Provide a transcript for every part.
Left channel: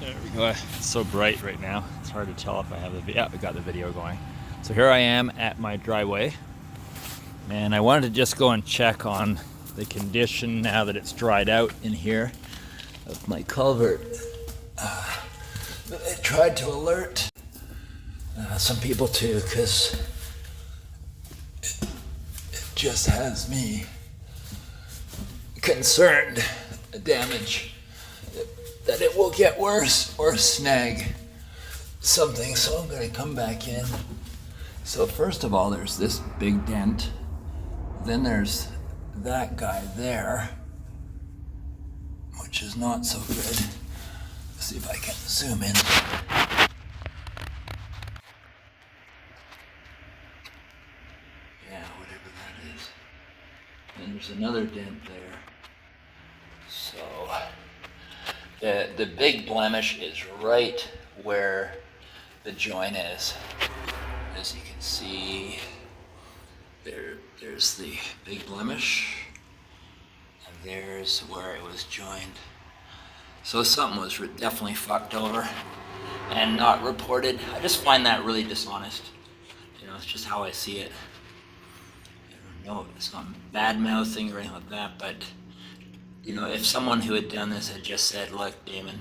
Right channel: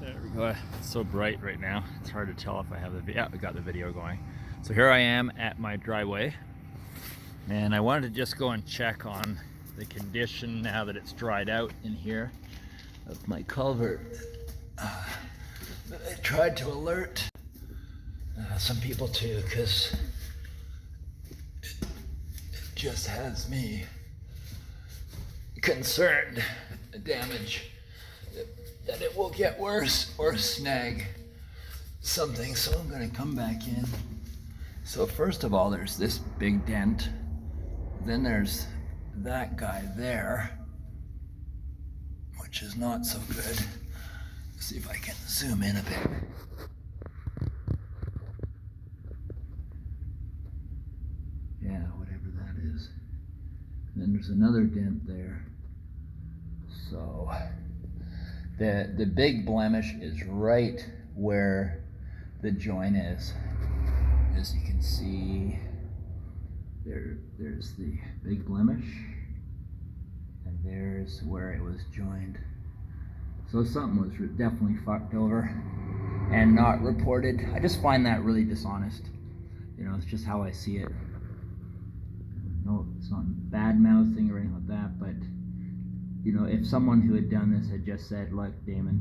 There we go. It's so bright right now. It's hard to tell if I have the we got the video going. So here I am at my driveway, and I wanted to just go and check on the condition now that it's dried out in here of my culvert. I tried to alert some people too, because it just has me concerned the damage that it will get worse or snag something, so I'm going to come back in. So first of all, there's this big dent, then there's that guy there, which is not so good. Let's see if I can zoom in. Yeah, whatever that is. Then there's another dent there. So the big blemish is right where the joint is. As you can see, there's the big blemish, and there's where it was joined. So something was definitely fucked over and not reported. I just find that really dishonest. You know, it's just how I see it. No, it's not bad mouthing or anything like that, but you know, if someone who had done this had just said, look, Damon,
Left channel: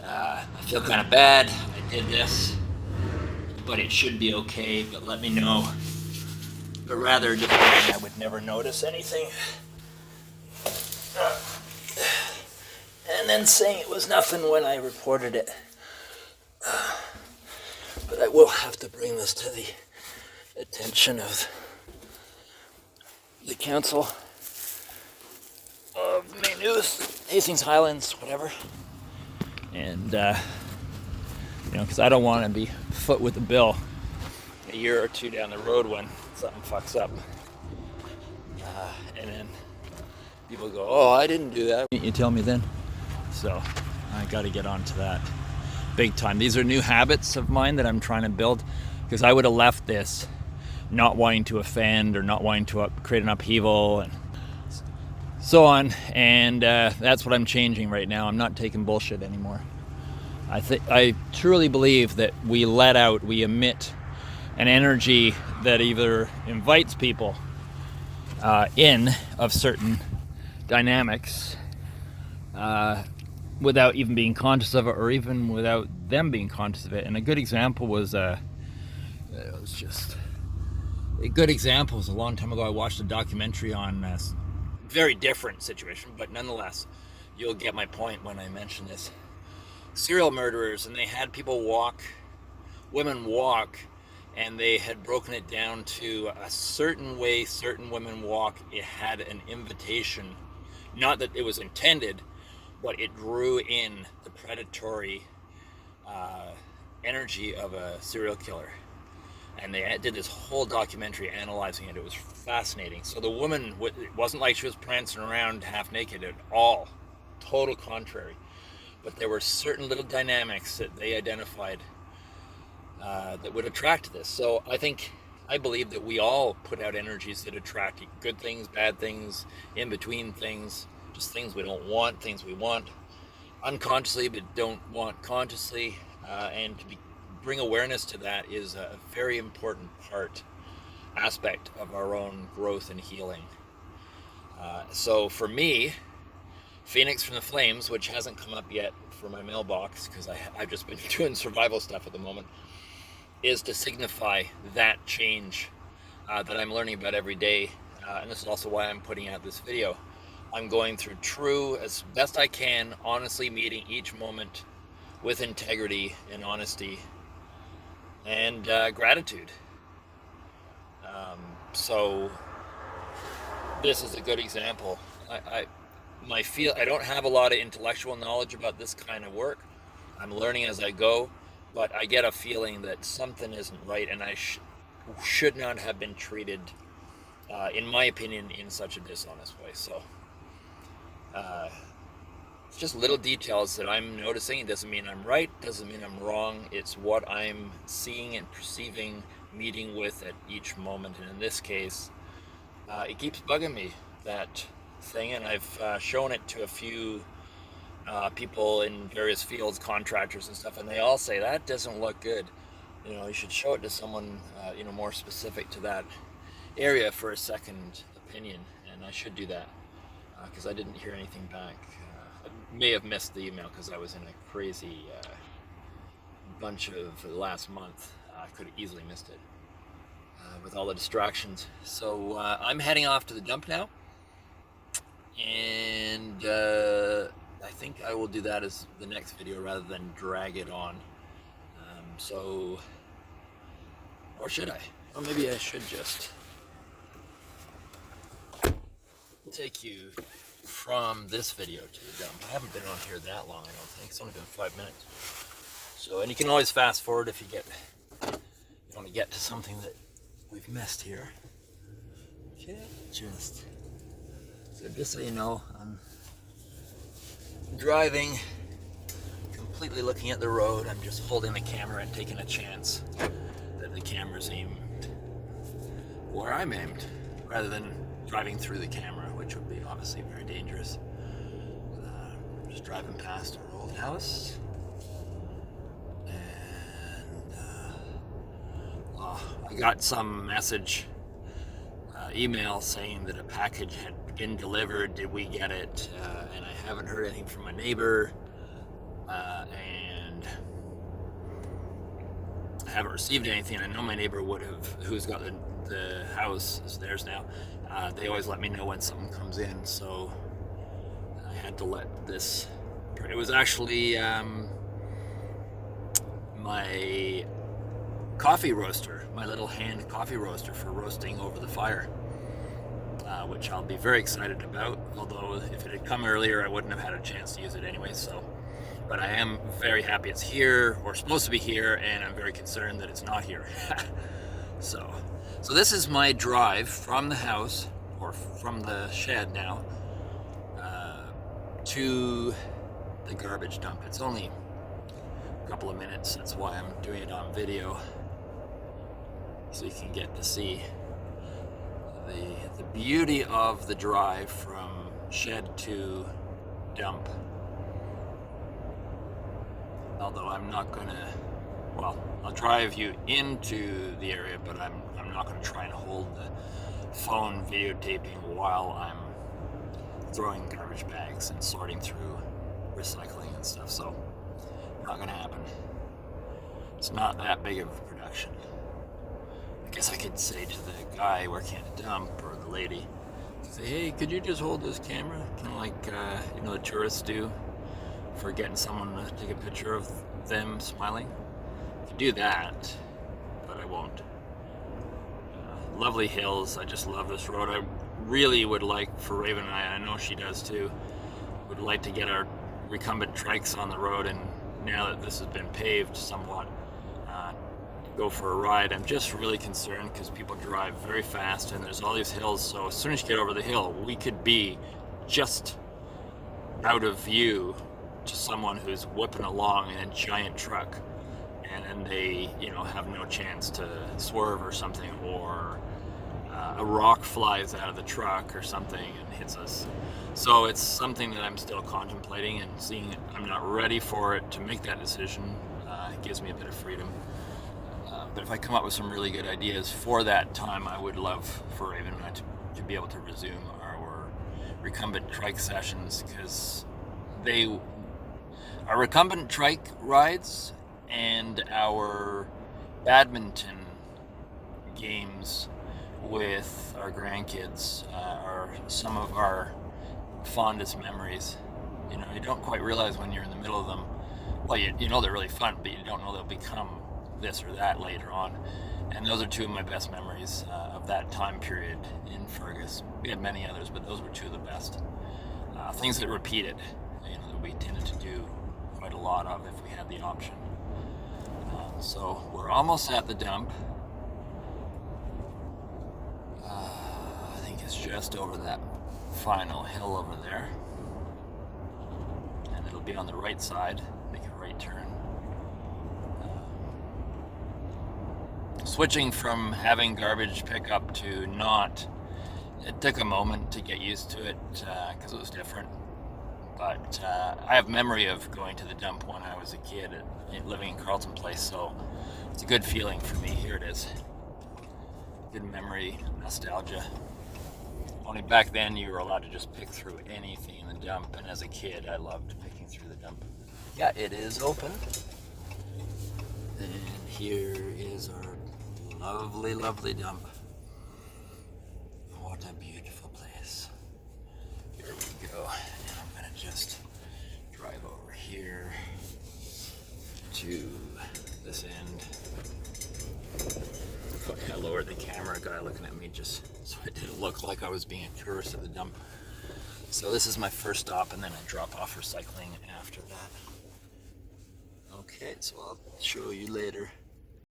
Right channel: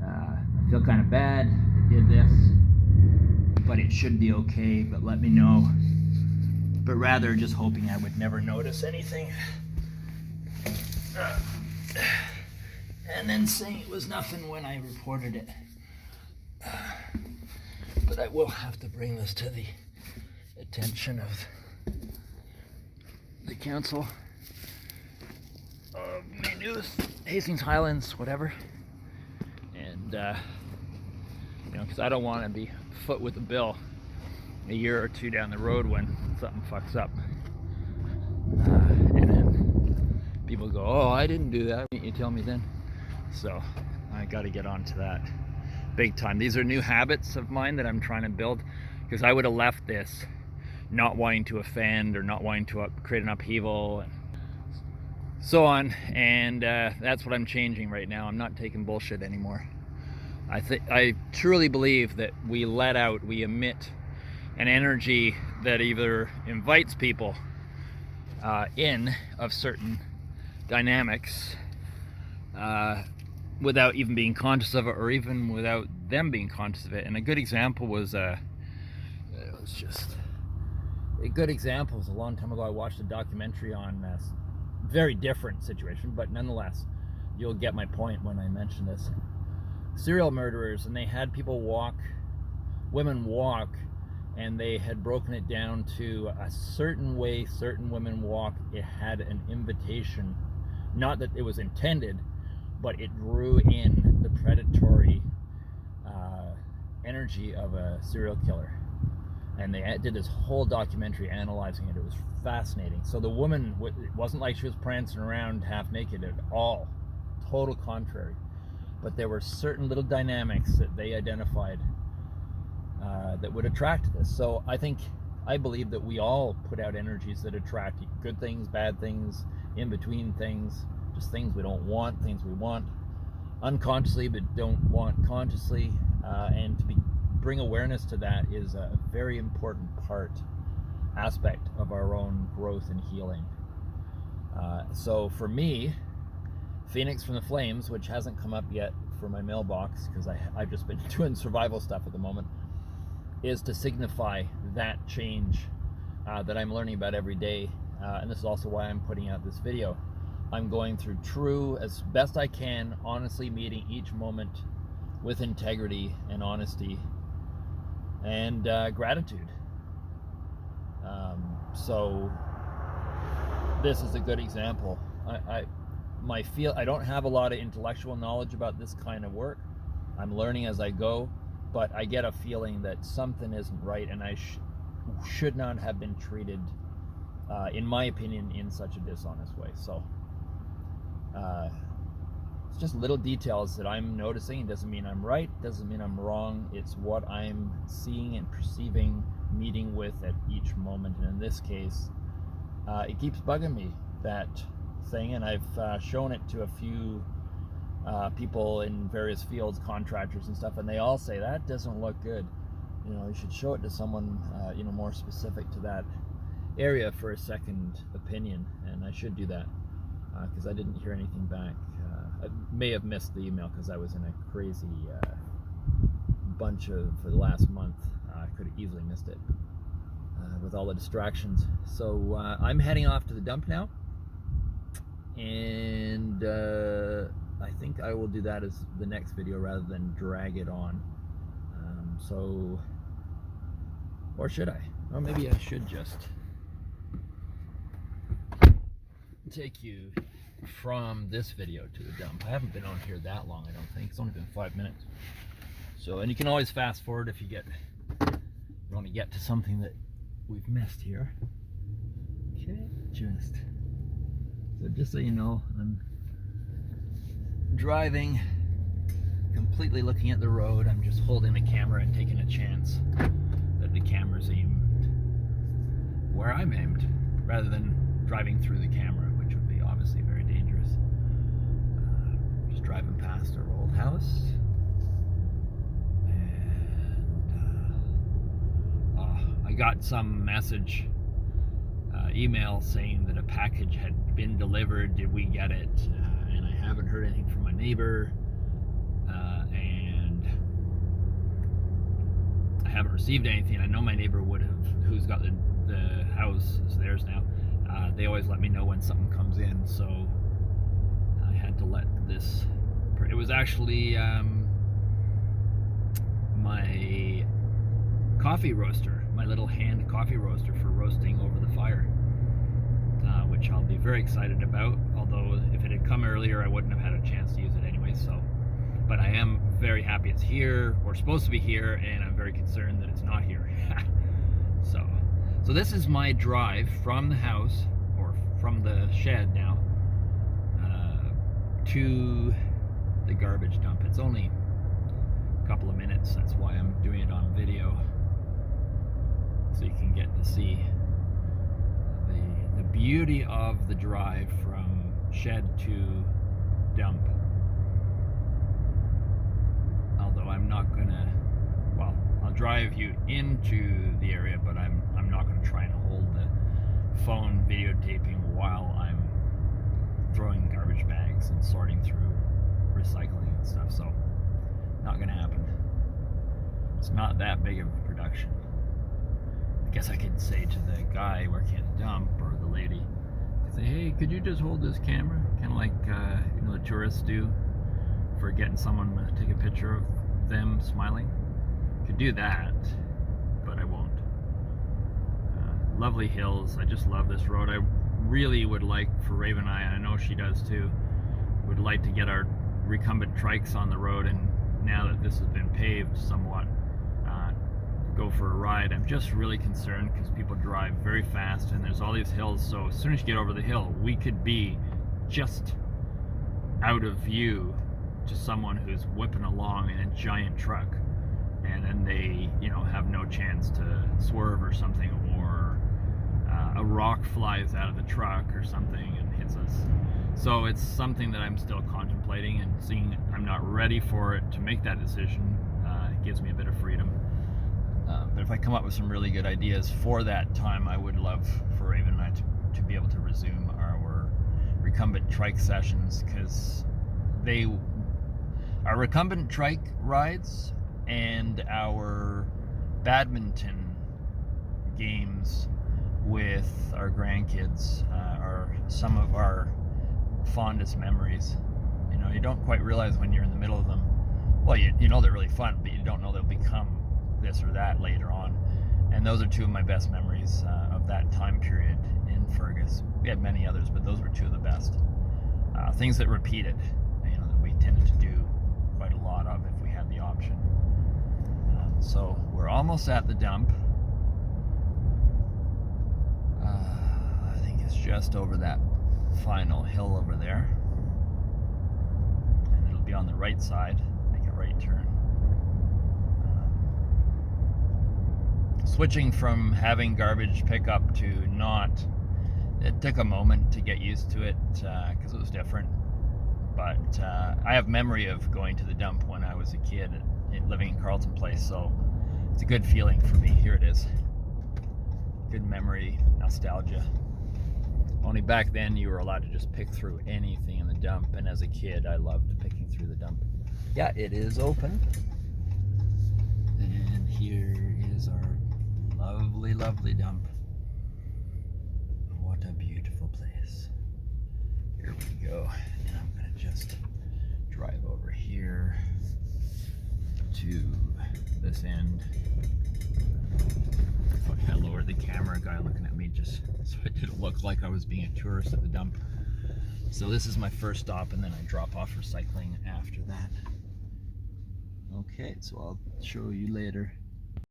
I feel kind of bad, I did this, but it should be okay, but let me know. But rather just saying I would never notice anything. And then saying it was nothing when I reported it. But I will have to bring this to the attention of the council of Maine News, Hastings Highlands, whatever. And, you know, because I don't want to be foot with the bill a year or two down the road when something fucks up. And then people go, oh, I didn't do that. You tell me then. So I got to get onto that big time. These are new habits of mine that I'm trying to build, because I would have left this not wanting to offend or not wanting to create an upheaval and so on. And that's what I'm changing right now. I'm not taking bullshit anymore. I truly believe that we emit an energy that either invites people in of certain dynamics without even being conscious of it, or even without them being conscious of it. And a good example was a long time ago. I watched a documentary on a very different situation, but nonetheless, you'll get my point when I mention this. Serial murderers, and they had women walk, and they had broken it down to a certain way certain women walk. It had an invitation, not that it was intended, but it drew in the predatory energy of a serial killer. And they did this whole documentary analyzing it. It was fascinating. So the woman, it wasn't like she was prancing around half naked at all. Total contrary. But there were certain little dynamics that they identified that would attract this. So I believe that we all put out energies that attract good things, bad things, in between things, just things we don't want, things we want unconsciously but don't want consciously. And bring awareness to that is a very important aspect of our own growth and healing. So for me, Phoenix from the Flames, which hasn't come up yet for my mailbox because I've just been doing survival stuff at the moment, is to signify that change that I'm learning about every day. And this is also why I'm putting out this video. I'm going through true, as best I can, honestly meeting each moment with integrity and honesty and gratitude. So this is a good example. I don't have a lot of intellectual knowledge about this kind of work. I'm learning as I go, but I get a feeling that something isn't right, and I should not have been treated, in my opinion, in such a dishonest way. So it's just little details that I'm noticing. It doesn't mean I'm right, doesn't mean I'm wrong. It's what I'm seeing and perceiving, meeting with at each moment. And in this case, it keeps bugging me, that thing, and I've shown it to a few people in various fields, contractors and stuff, and they all say that doesn't look good. You should show it to someone, more specific to that area for a second opinion, and I should do that because I didn't hear anything back. I may have missed the email because I was in a crazy bunch of the last month. I could have easily missed it with all the distractions. So I'm heading off to the dump now, and I think I will do that as the next video rather than drag it on. Or should I? Or maybe I should just take you from this video to the dump. I haven't been on here that long, I don't think. It's only been 5 minutes. So, and you can always fast forward if you want to get to something that we've missed here. Okay, just so you know, I'm driving, completely looking at the road. I'm just holding the camera and taking a chance that the camera's aimed where I'm aimed, rather than driving through the camera, which would be obviously very dangerous. Just driving past our old house, and I got some message, email saying that a package had been delivered. Did we get it? And I haven't heard anything from my neighbor, and I haven't received anything. I know my neighbor would have, who's got the house, is theirs now. They always let me know when something comes in, so I had to let this. It was actually my coffee roaster, my little hand coffee roaster for roasting over the fire, which I'll be very excited about. Although if it had come earlier, I wouldn't have had a chance to use it anyway. So, but I am very happy it's here, or supposed to be here, and I'm very concerned that it's not here. So this is my drive from the house, or from the shed now, to the garbage dump. It's only a couple of minutes. That's why I'm doing it on video, so you can get to see the beauty of the drive from shed to dump. Although I'm not gonna, well, I'll drive you into the area, but I'm not gonna try and hold the phone videotaping while I'm throwing garbage bags and sorting through recycling and stuff. So not gonna happen. It's not that big of a production. I guess I could say to the guy working at the dump, or the lady, say, hey, could you just hold this camera? Kind of like the tourists do for getting someone to take a picture of them smiling. I could do that, but I won't. Lovely hills. I just love this road. I really would like, for Raven and I know she does too, would like to get our recumbent trikes on the road, and now that this has been paved somewhat, go for a ride. I'm just really concerned because people drive very fast and there's all these hills, so as soon as you get over the hill, we could be just out of view to someone who's whipping along in a giant truck, and then they have no chance to swerve or something, or a rock flies out of the truck or something and hits us. So it's something that I'm still contemplating, and seeing I'm not ready for it to make that decision. It gives me a bit of freedom. But if I come up with some really good ideas for that time, I would love for Raven and I to be able to resume our recumbent trike sessions, because our recumbent trike rides and our badminton games with our grandkids are some of our fondest memories. You don't quite realize when you're in the middle of them. Well, you know they're really fun, but you don't know they'll become this or that later on. And those are two of my best memories of that time period in Fergus. We had many others, but those were two of the best. Things that repeated, that we tended to do quite a lot of if we had the option. So we're almost at the dump. I think it's just over that final hill over there. And it'll be on the right side. Make a right turn. Switching from having garbage pickup to not, it took a moment to get used to it because it was different. But I have memory of going to the dump when I was a kid, living in Carleton Place, so it's a good feeling for me. Here it is. Good memory, nostalgia. Only back then you were allowed to just pick through anything in the dump, and as a kid I loved picking through the dump. Yeah, it is open. And here is our lovely, lovely dump. What a beautiful place. Here we go. And I'm gonna just drive over here to this end. I lowered the camera, guy looking at me just so it didn't look like I was being a tourist at the dump. So this is my first stop, and then I drop off recycling after that. Okay, so I'll show you later.